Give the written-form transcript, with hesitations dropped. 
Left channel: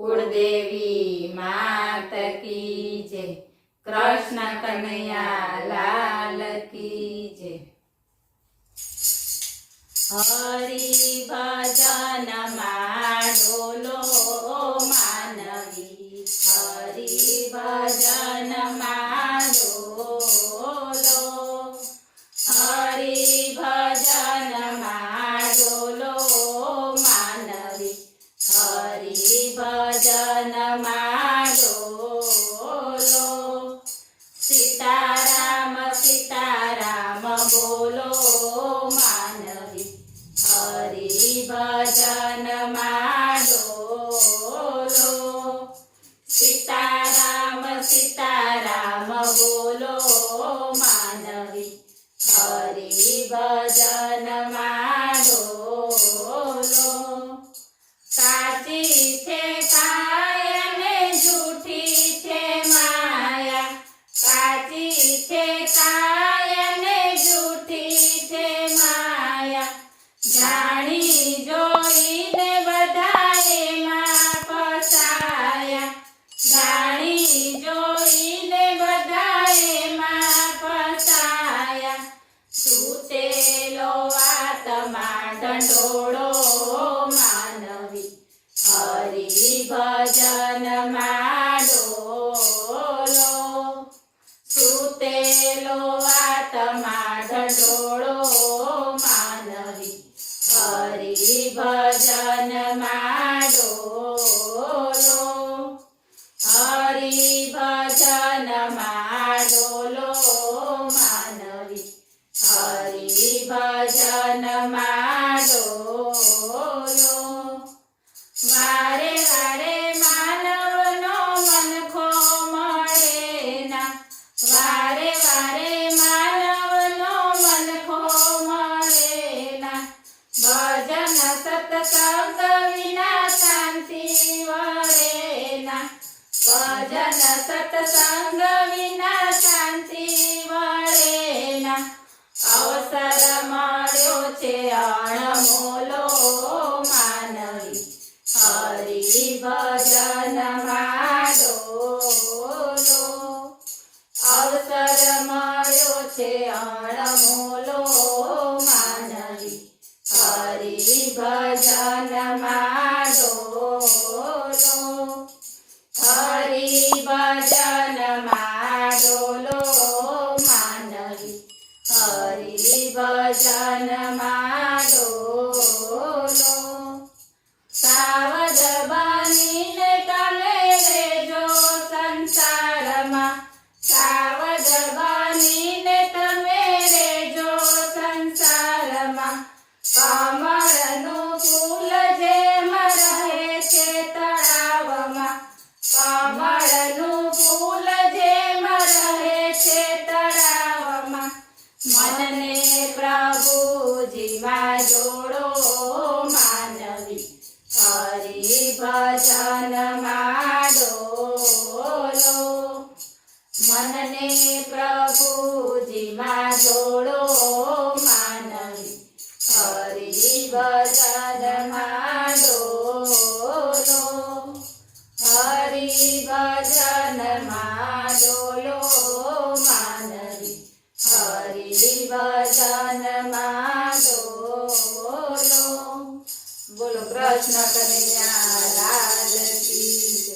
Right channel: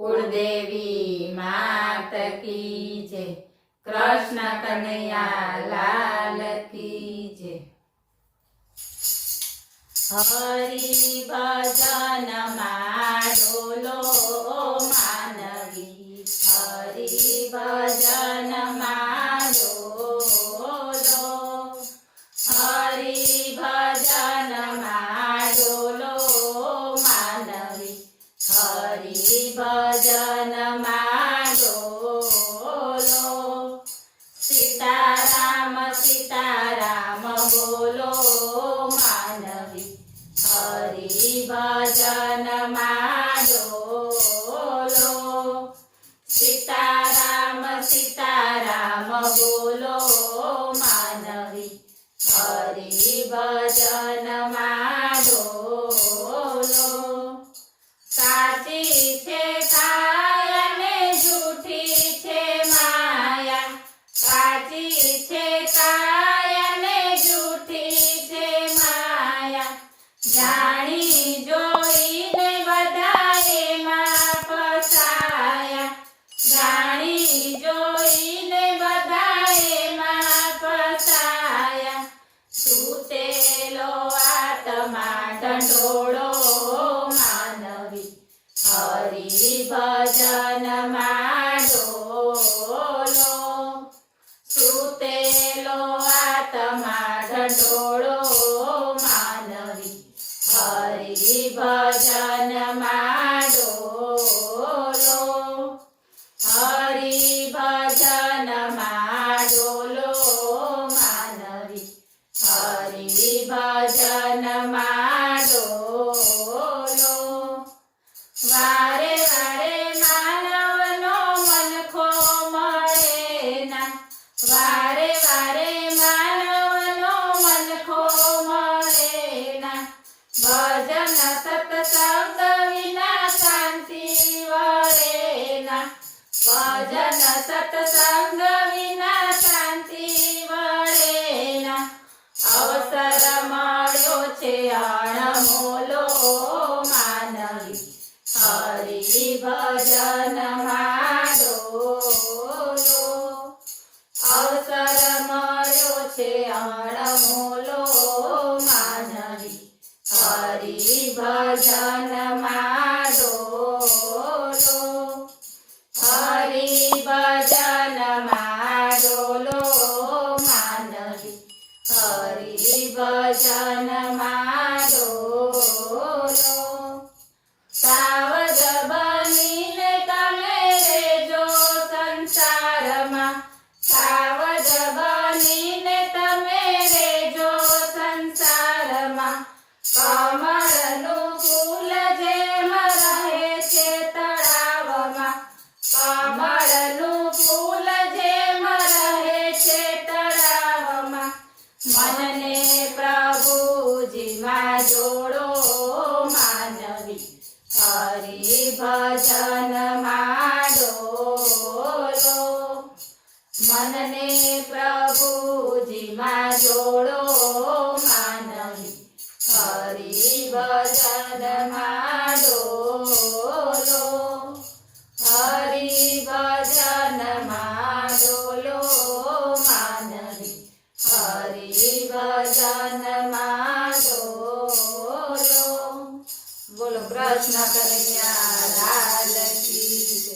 कुलदेवी मात की जय। कृष्ण कन्हैया लाल की जय। हरि भजन डोलो मानवी, हरि भजन डोलो, हरि भजन डोलो मानवी, हरि भजन डोलो। सीताराम सीताराम बोलो मानवी, हरि भजन डोलो। सीताराम सीताराम बोलो मानवी, हरि भजन डोलो। साची छे काया ने झूठी छे माया, साची छे काया ने झूठी छे माया। जाणी जोईने बधाए मां फसाया, जाणी जोईने बधाए मां फसाया। सूतेलो आत्मा ढंढोळो मानवी, हरि भजन डोलो। सूतेलो आत्मा ढंढोळो मानवी, हरि भजन डोलो। हरि भजन डोलो मानवी, हरि भजन डोलो। वारे वारे मानवनो मनखो मळे ना, वारे वारे मानवनो मनखो मळे ना। भजन सत्संग विना शांति वळे ना, भजन सत्संग विना शांति वळे ना। अवसर मळ्यो छे अणमोलो मानवी, हरि भजन डोलो। अवसर मळ्यो छे अणमोलो मानवी, हरि भजन डोलो। हरि भजन डोलो मानवी, हरि भजन डोलो। सावध बनीने तमे रेजो संसारमा, सावध बनीने तमे रेजो संसारमा। कमळનું ફૂલ જેમ રહે છે તળાવમાં, કમળનું ફૂલ જેમ રહે છે તળાવમાં। मनने प्रभुजीમાં जोड़ो मानवी, हरि भजन डोलो। मनने प्रभुजीમાં जोड़ो मानवी, हरि भजन डोलो। हरि भजन डोलो मानवी, हरि भजन डोलो। बोलो कृष्ण कन्हैया